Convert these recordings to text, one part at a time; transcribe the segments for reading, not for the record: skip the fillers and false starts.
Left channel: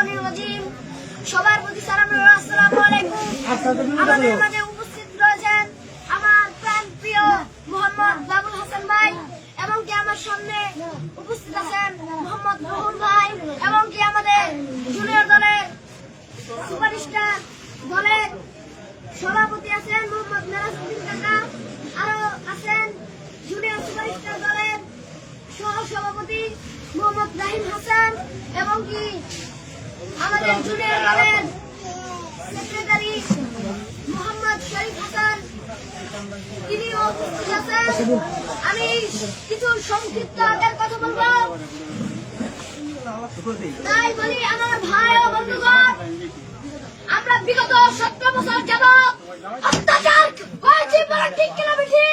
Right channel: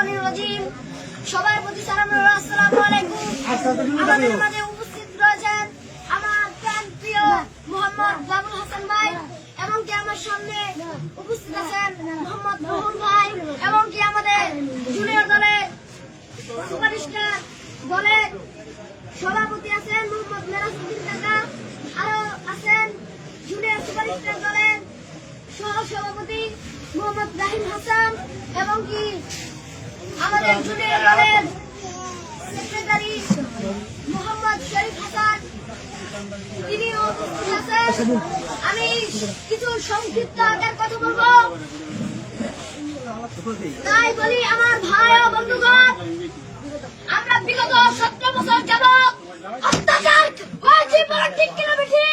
শাইতানির রাজিম। সবার প্রতি সালাম ও আসসালামু আলাইকুম। আমাদের মাঝে উপস্থিত রয়েছেন আমার প্রিয় মোহাম্মদ বাবুল হাসান ভাই, এবং কি আমার সামনে উপস্থিত আছেন মোহাম্মদ রুহুল ভাই, এবং কি আমাদের জুনিয়র দলের সুপারস্টার দলের সভাপতি আছেন মোহাম্মদ মেরাজউদ্দিন কাকা, আরো আছেন জুনিয়র সুপারস্টার দলের সহ সভাপতি মোহাম্মদ রাহিম হাসান, এবং কি আমাদের জুনিয়র দলের সেক্রেটারি মোহাম্মদ শরীফ হাসান, তিনিও উপস্থিত আছেন। আমি কিছু সংক্ষিপ্ত আকারে কথা বলবো, তাই বলি আমার ভাই ও বন্ধুগণ, আমরা বিগত 17 বছর যাবৎ অত্যাচার করেছি, ঠিক কিনা বেশি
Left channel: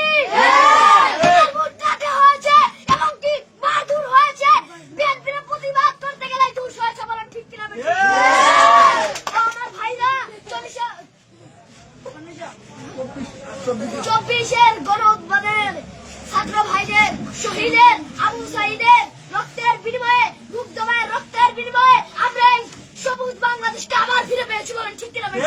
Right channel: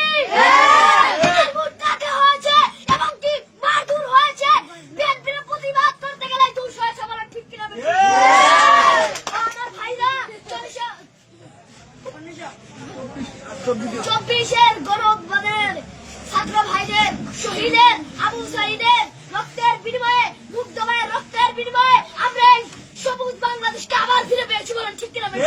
হয়েছে এবং কি মারধর হয়েছে। বিএনপির প্রতিবাদ করতে গেলে 200 হয়েছে, বলেন ঠিক কিনা বেশি। আমার ভাইরা 24-এর গণঅভ্যুত্থানের ছাত্র ভাইদের, শহীদের, আবু সাঈদের রক্তের বিনিময়ে, মুগ্ধ মায়ের রক্তের বিনিময়ে আমরা এই সবুজ বাংলাদেশকে আবার ফিরে পেয়েছি, বলেন ঠিক কিনা বেশি।